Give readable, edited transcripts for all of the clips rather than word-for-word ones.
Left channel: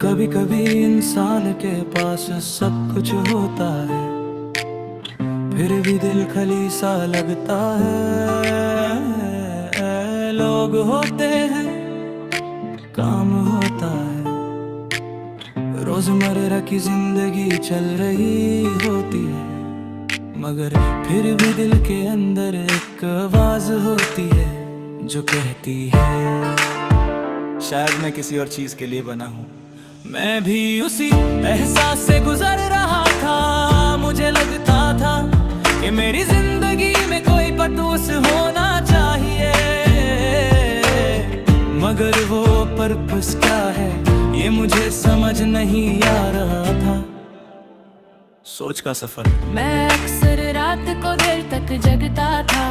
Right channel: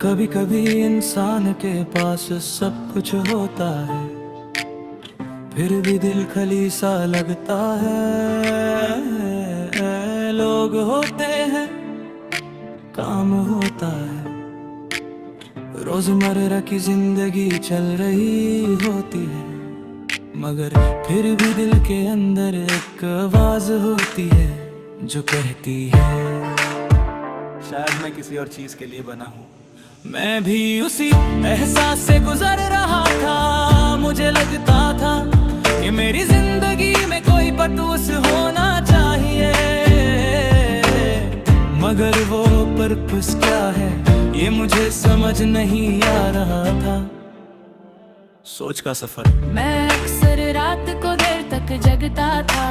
कभी कभी इंसान के पास सब कुछ होता है, फिर भी दिल खाली सा लगता है। लोग होते हैं, काम होता है, रोजमर्रा की जिंदगी चल रही होती है, मगर फिर भी दिल के अंदर एक आवाज होती है जो कहती है, शायद मैं किसी और चीज के लिए बना हूँ। मैं भी उसी एहसास से गुजर रहा था। मुझे लगता था कि मेरी जिंदगी में कोई पर्पस होना चाहिए, मगर वो पर्पस क्या है ये मुझे समझ नहीं आ रहा था। सोच का सफर। मैं अक्सर रात को देर तक जगता था,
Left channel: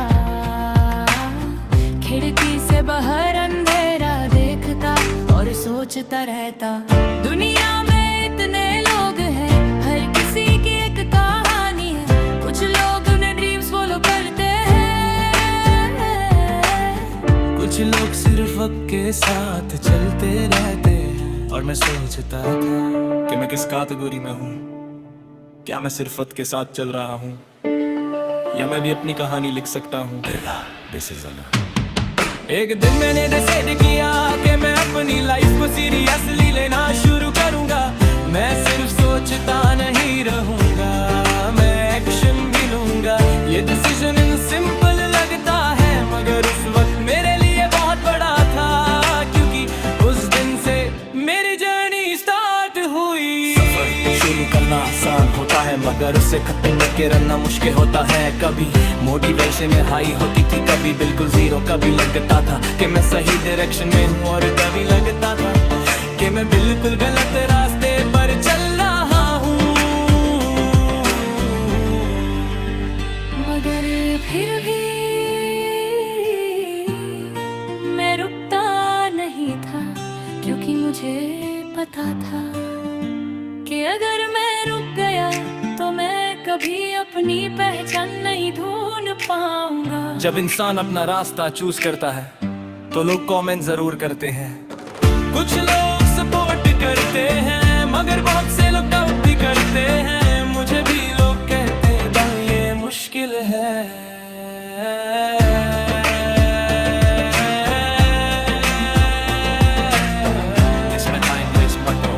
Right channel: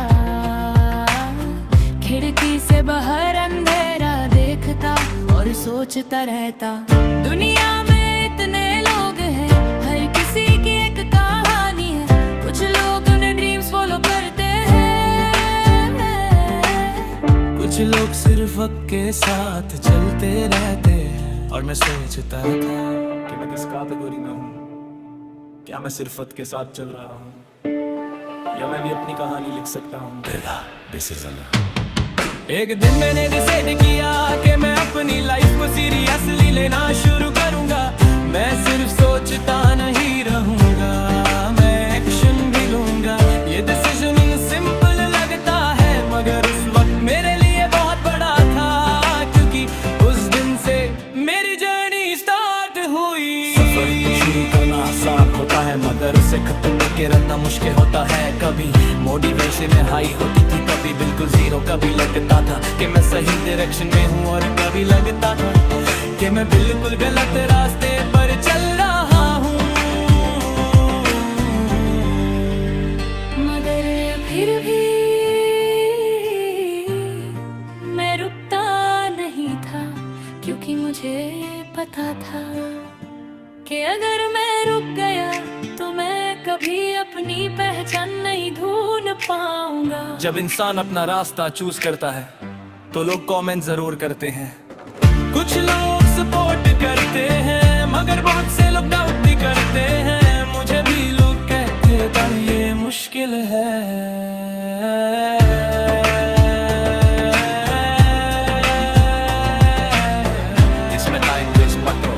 खिड़की से बाहर अंधेरा देखता और सोचता रहता, दुनिया में इतने लोग हैं, हर किसी की एक कहानी है। कुछ लोग उन्हें ड्रीम्स फॉलो करते हैं, कुछ लोग सिर्फ वक्त के साथ चलते रहते हैं। और मैं सोचता था कि मैं किस कैटेगरी में हूँ। क्या मैं सिर्फ वक्त के साथ चल रहा हूँ, या मैं भी अपनी कहानी लिख सकता हूँ। एक दिन मैंने डिसाइड किया कि मैं अपनी लाइफ को सीरियसली लेना शुरू करूंगा। मैं सिर्फ सोचता नहीं रहूंगा, मैं एक्शन भी लूंगा। ये डिसीजन सिंपल लगता है, मगर उस वक्त मेरे लिए बहुत बड़ा था, क्योंकि उस दिन से मेरी जर्नी स्टार्ट हुई। सफर शुरू करना आसान होता है, मगर उसे खत्म करके रहना मुश्किल होता है। कभी मोटिवेशन में हाई होती थी, कभी बिल्कुल जीरो। कभी लगता था कि मैं सही डायरेक्शन में हूँ, और कभी लगता था कि मैं बिल्कुल गलत रास्ते पर चल रहा हूँ। मगर फिर भी मैं रुकता नहीं था, क्योंकि मुझे पता था कि अगर मैं रुक गया तो मैं कभी अपनी पहचान नहीं ढूंढ पाऊंगा। जब इंसान अपना रास्ता चूज करता है तो लोग कमेंट जरूर करते हैं, कुछ लोग सपोर्ट करते हैं, मगर बहुत से लोग डाउट भी करते हैं। मुझे भी लोग कहते भाई ये मुश्किल है। इसमें टाइम वेस्ट मत करो।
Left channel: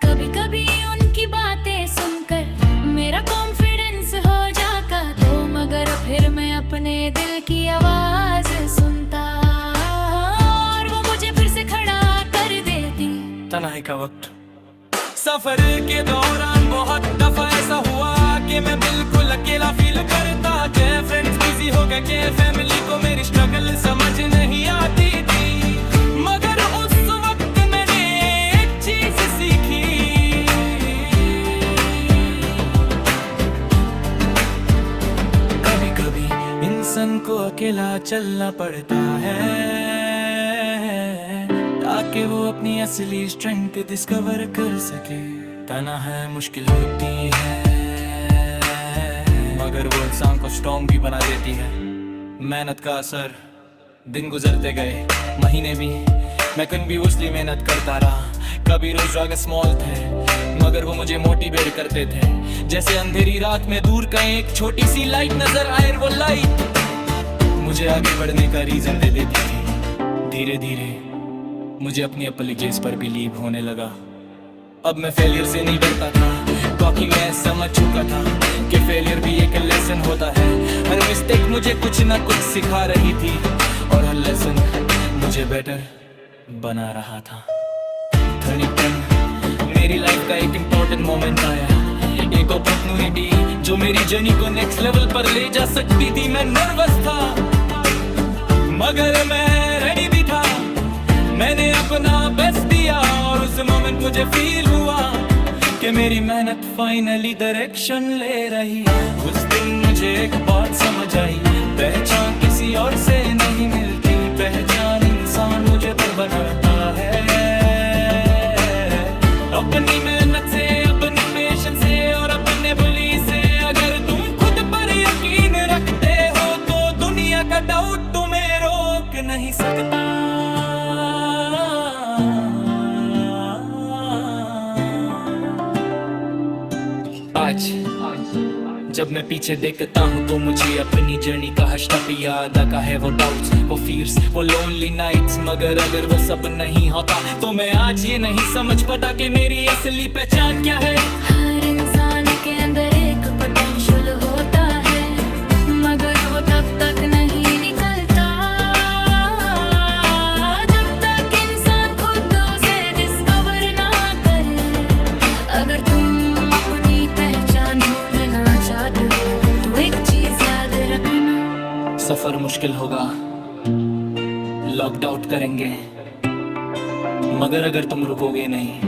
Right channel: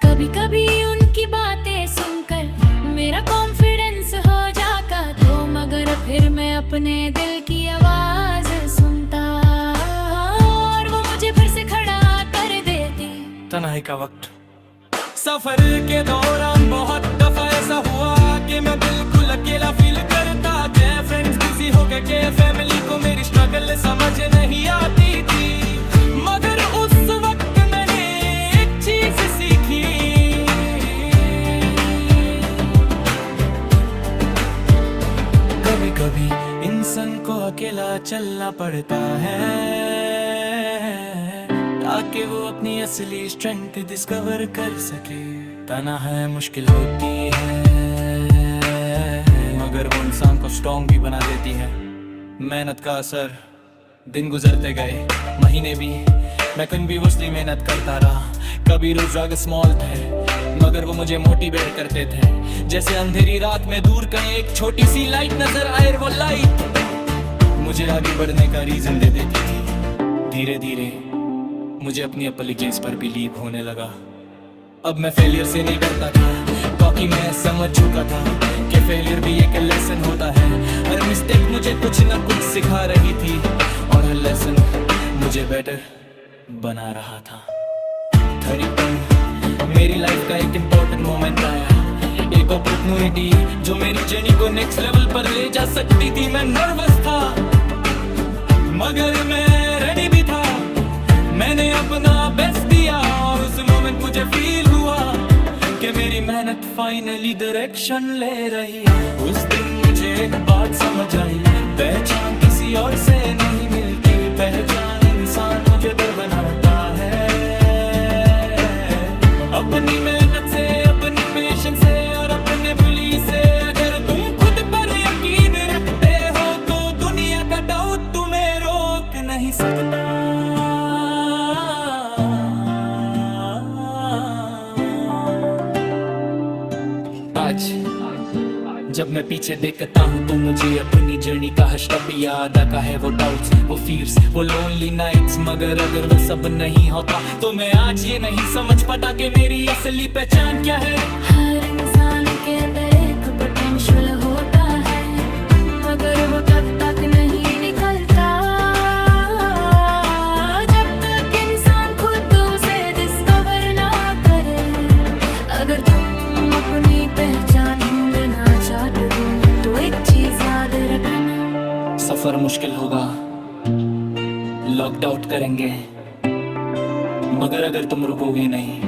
कभी कभी उनकी बातें सुनकर मेरा कॉन्फिडेंस हो जाता तो, मगर फिर मैं अपने दिल की आवाज सुनता और वो मुझे फिर से खड़ा कर देती। तन्हाई का वक्त। सफर के दौरान बहुत दफा ऐसा हुआ कि मैं बिल्कुल अकेला फील करता, कि फ्रेंड्स बिजी हो गए, कि फैमिली को मेरी स्ट्रगल समझ नहीं आती थी। मगर उस वक्त मैंने एक चीज सीखी, कभी कभी इंसान को अकेला चलना पड़ता है, ताकि वो अपनी असली स्ट्रेंथ डिस्कवर कर सके। तना है मुश्किल होती है, मगर वो इंसान को स्ट्रॉन्ग भी बना देती है। मेहनत का असर। दिन गुजरते गए, महीने भी, मैं कंटिन्यूअसली मेहनत करता रहा। कभी रोज स्मॉल थे, मगर वो मुझे मोटिवेट करते थे। जैसे अंधेरी रात में दूर कहीं एक छोटी सी लाइट नजर आए, वो लाइट मुझे आगे बढ़ने का रीजन दे देती थी। धीरे धीरे मुझे अपनी एबिलिटीज पर बिलीव होने लगा। अब मैं फेलियर से नहीं डरता था, क्योंकि मैं समझ चुका था कि फेलियर भी एक लेसन होता है। हर मिस्टेक मुझे कुछ ना कुछ सिखा रही थी, और हर लेसन मुझे बेटर बना रहा था। टर्निंग पॉइंट, मेरी लाइफ का एक इम्पोर्टेंट मोमेंट आया, एक अपॉर्चुनिटी जो मेरी जर्नी को नेक्स्ट लेवल पर ले जा सकती थी। मैं नर्वस था, मगर मैं रेडी भी था। मैंने अपना बेस्ट दिया, और उस मोमेंट मुझे फील हुआ कि मेरी मेहनत फाइनली डायरेक्शन ले रही है। उस दिन मुझे एक बात समझ आई, पहचान किसी और से नहीं मिलती, पहचान इंसान मुझे बनाता है। अपनी मेहनत से, अपनी पेशेंस से, और अपने बिलीफ से। अगर तुम खुद पर यकीन रखते हो तो दुनिया का डाउट तुम्हें रोक नहीं सकता। आज जब मैं पीछे देखता हूँ तो मुझे अपनी जर्नी का हर स्टेप याद आता है। वो डाउट्स, वो फियर्स, वो लोनली नाइट्स, मगर अगर वो सब नहीं होता तो मैं आज ये नहीं समझ पाता कि मेरी असली पहचान क्या है। हर इंसान के अंदर एक पोटेंशियल होता है, मगर वो तब तक नहीं निकलता जब तक इंसान खुद उसे डिस्कवर ना करे। अगर तुम अपनी पहचान ढूंढना चाहते हो तो एक चीज याद रखना, सफर मुश्किल होगा, लॉकड आउट करेंगे, मगर अगर तुम रुकोगे नहीं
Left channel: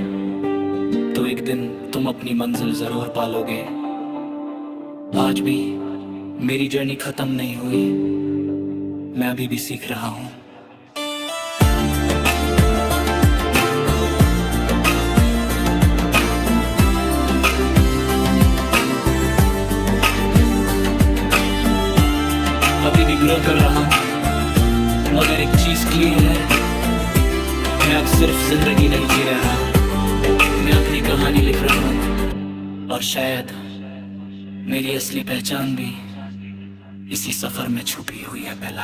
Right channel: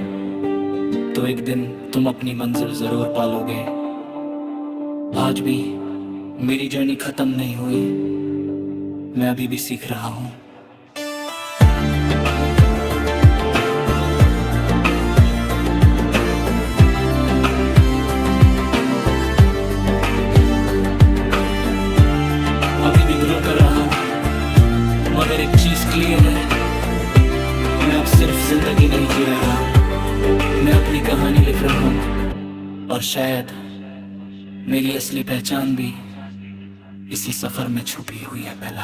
तो एक दिन तुम अपनी मंजिल जरूर पालोगे। आज भी मेरी जर्नी खत्म नहीं हुई, मैं अभी भी सीख रहा हूँ। अभी भी ग्रो कर रहा हूँ, मगर एक चीज क्लियर है, मैं अब सिर्फ जिंदगी नहीं जी रहा, मैं अपनी कहानी लिख रहा हूँ। और शायद मेरी असली पहचान भी इसी सफर में छुपी हुई है। पहला